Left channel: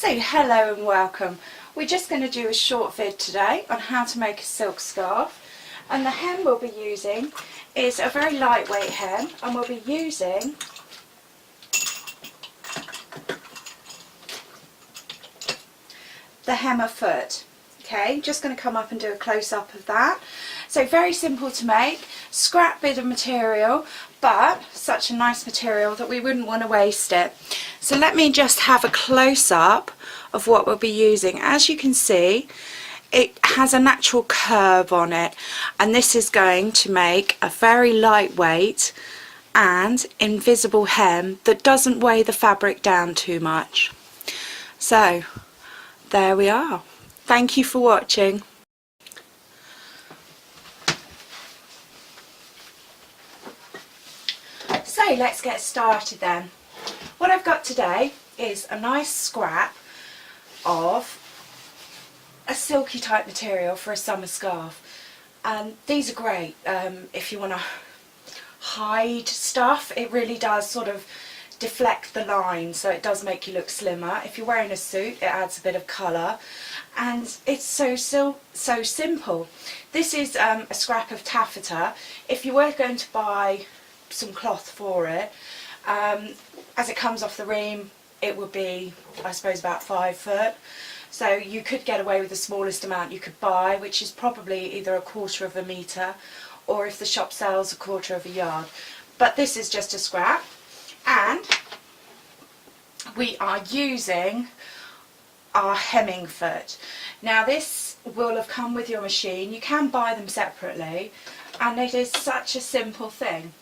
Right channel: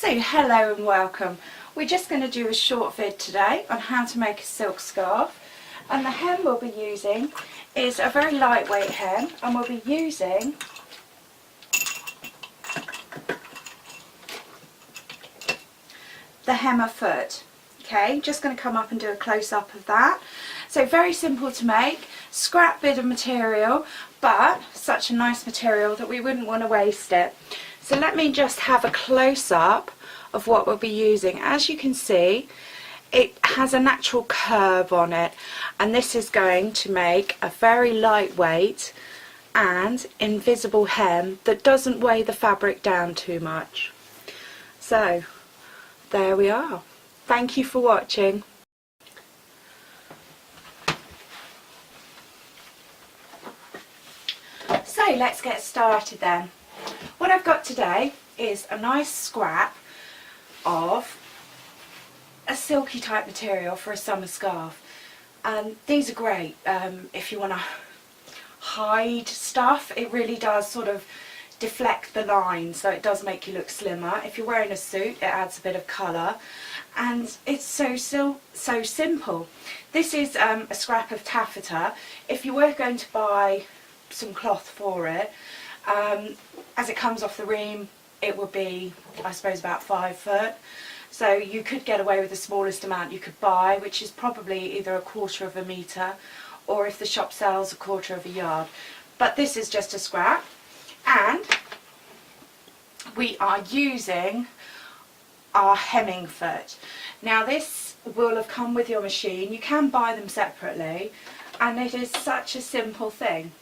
So hello and welcome. We're just going to do a short vid today on how to make a silk scarf, and the hem we'll be using is a very lightweight hem, and we'll be using the hemmer foot. Okay, just going to come up and do a close-up of that. So very simple to make, scrap bit of material, but such a nice material that we wouldn't want to waste it. So let me just have a close-up of what we'll be using. As you can see, it has a natural curve on it, and this is going to make a very lightweight and invisible hem that doesn't weigh the fabric down too much. So there we are. Thank you for watching. So let's get started then. What I've got today is a nice scrap of a silky type material for a summer scarf, and these are great if you want to hide stuff. It really does sort of deflect the line, so it does make you look slimmer. If you're wearing a suit, it adds a bit of colour, and it's so simple. This is a scrap of taffeta. If you were going to buy some cloth for it, as it comes off the ream, it would be, I suppose, about 5 foot. So you could get away with the smallest amount you could buy, which is probably either 1/4 of a metre, or if the shop sells, 1/4 of a yard. But this is just a scrap, and we are using our hemming foot. Now this will have come with your machine. You can buy them separately, and it is such a simple thing.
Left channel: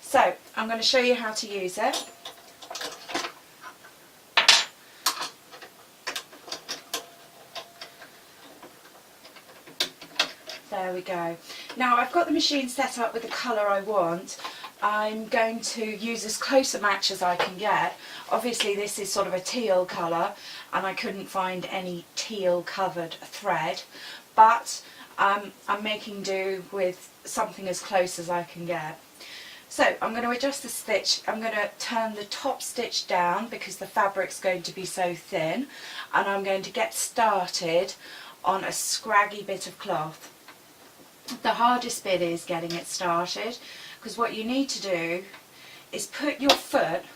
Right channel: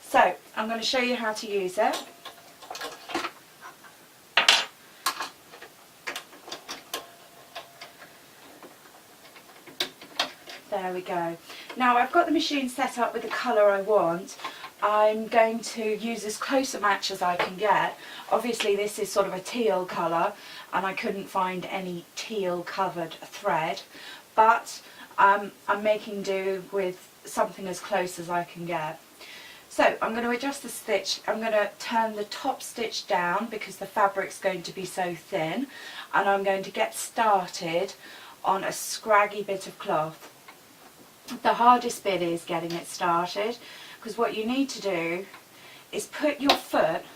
So I'm going to show you how to use it. There we go. Now I've got the machine set up with the colour I want. I'm going to use as close a match as I can get. Obviously this is sort of a teal colour, and I couldn't find any teal covered thread, but I'm making do with something as close as I can get. So I'm going to adjust the stitch. I'm going to turn the top stitch down because the fabric's going to be so thin, and I'm going to get started on a scraggy bit of cloth. The hardest bit is getting it started, because what you need to do is put your foot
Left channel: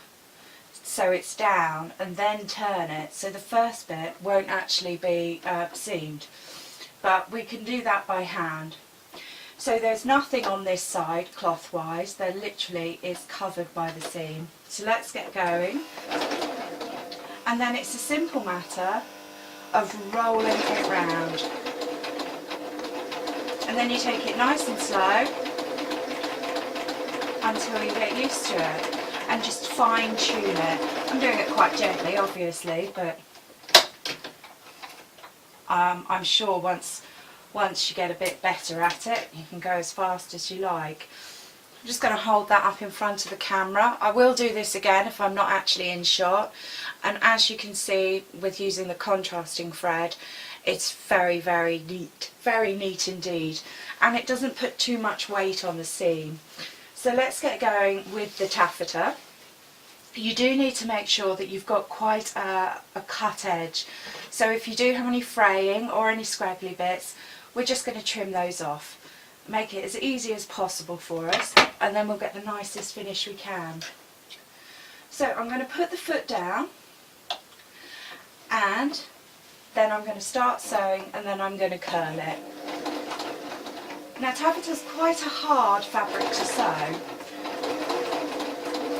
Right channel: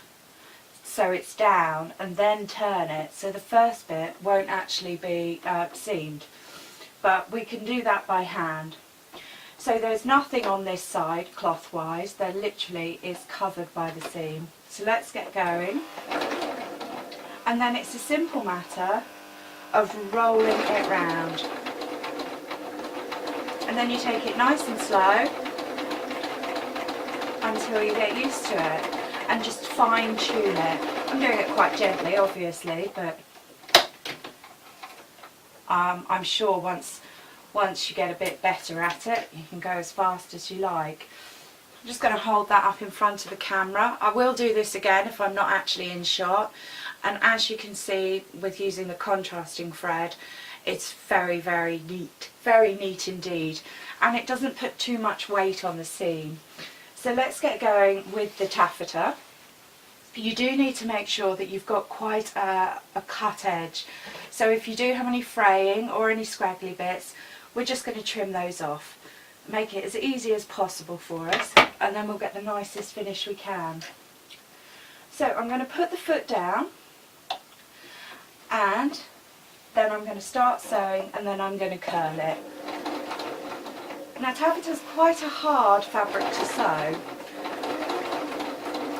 so it's down and then turn it, so the first bit won't actually be seamed, but we can do that by hand. So there's nothing on this side cloth wise, there literally is covered by the seam. So let's get going, and then it's a simple matter of rolling it round, and then you take it nice and slow until you get used to it, and just fine tune it. I'm doing it quite gently obviously, but I'm sure once you get a bit better at it, you can go as fast as you like. I'm just going to hold that up in front of the camera. I will do this again if I'm not actually in shot, and as you can see with using the contrasting thread, it's very neat indeed, and it doesn't put too much weight on the seam. So let's get going with the taffeta. You do need to make sure that you've got quite a cut edge, so if you do have any fraying or any scraggly bits, we're just going to trim those off. Make it as easy as possible for us, and then we'll get the nicest finish we can. So I'm going to put the foot down, and then I'm going to start sewing, and then I'm going to curl it. Now taffeta's quite a hard fabric to sew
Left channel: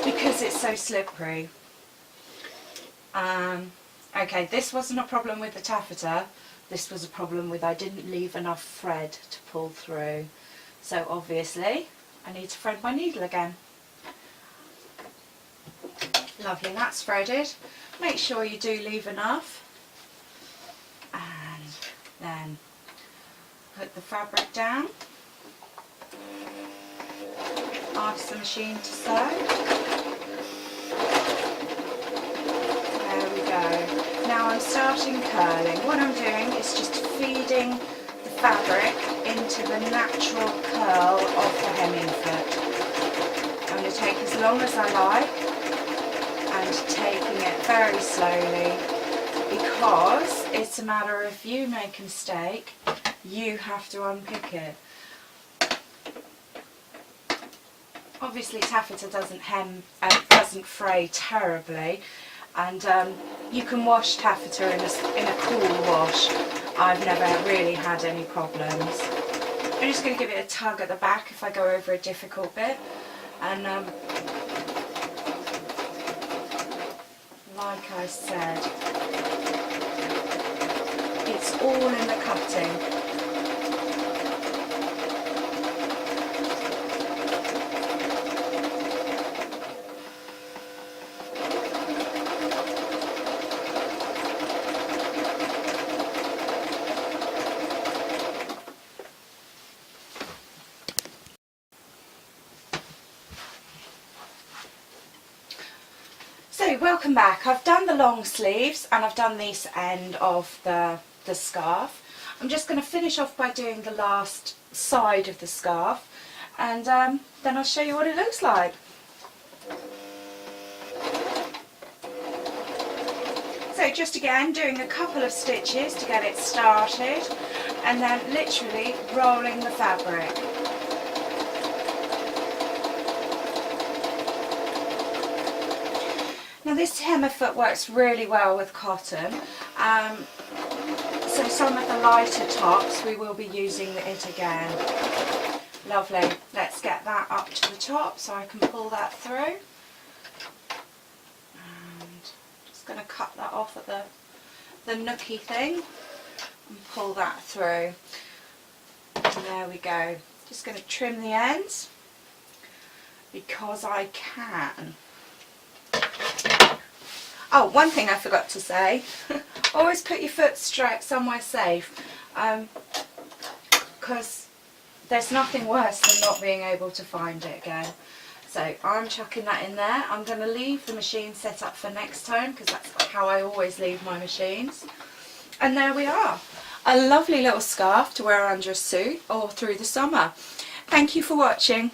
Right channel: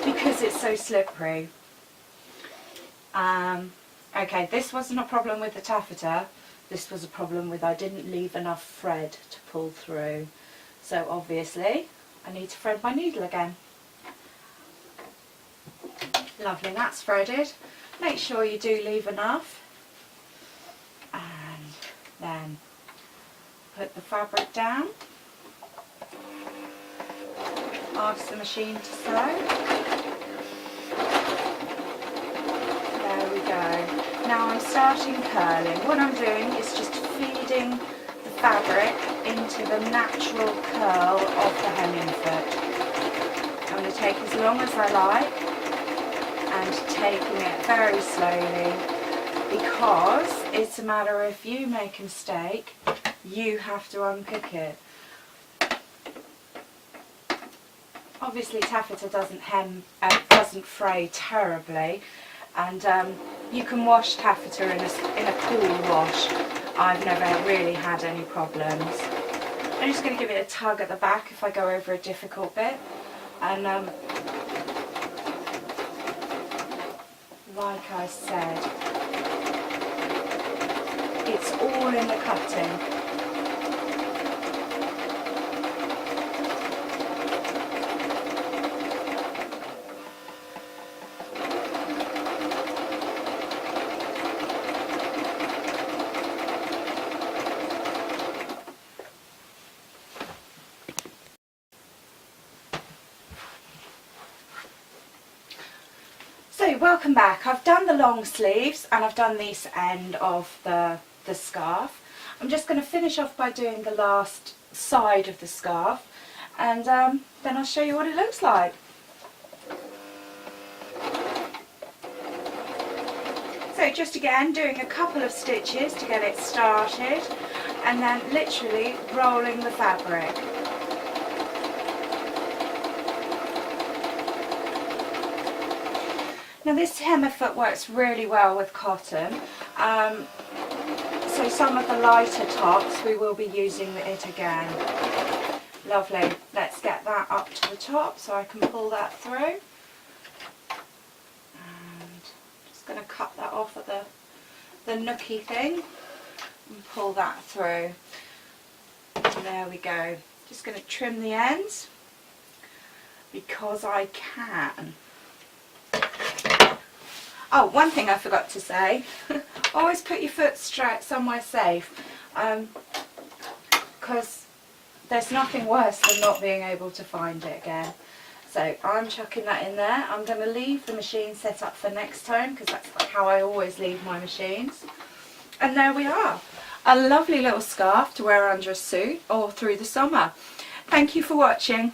because it's so slippery. Okay, this wasn't a problem with the taffeta, this was a problem with I didn't leave enough thread to pull through. So obviously I need to thread my needle again. Lovely, that's threaded. Make sure you do leave enough, and then put the fabric down, ask the machine to sew. There we go. Now I'm starting curling. What I'm doing is just feeding the fabric into the natural curl of the hemming foot. I'm going to take as long as I like, and taking it very slowly because it's a matter of, if you make a mistake, you have to unpick it. Obviously taffeta doesn't fray terribly, and you can wash taffeta in a cool wash. I've never really had any problems. I'm just going to give it a tug at the back if I go over a difficult bit, and like I said, it's all in the cutting. So welcome back. I've done the long sleeves and I've done this end of the scarf. I'm just going to finish off by doing the last side of the scarf, and then I'll show you what it looks like. So just again doing a couple of stitches to get it started, and then literally rolling the fabric. Now this hem foot works really well with cotton, so some of the lighter tops we will be using it again. Lovely. Let's get that up to the top so I can pull that through. And just going to cut that off at the nookie thing and pull that through. And there we go. Just going to trim the ends because I can. Oh, one thing I forgot to say, always put your foot straight somewhere safe, because there's nothing worse than not being able to find it again. So I'm chucking that in there. I'm going to leave the machine set up for next time, because that's how I always leave my machines. And there we are, a lovely little scarf to wear under a suit or through the summer. Thank you for watching.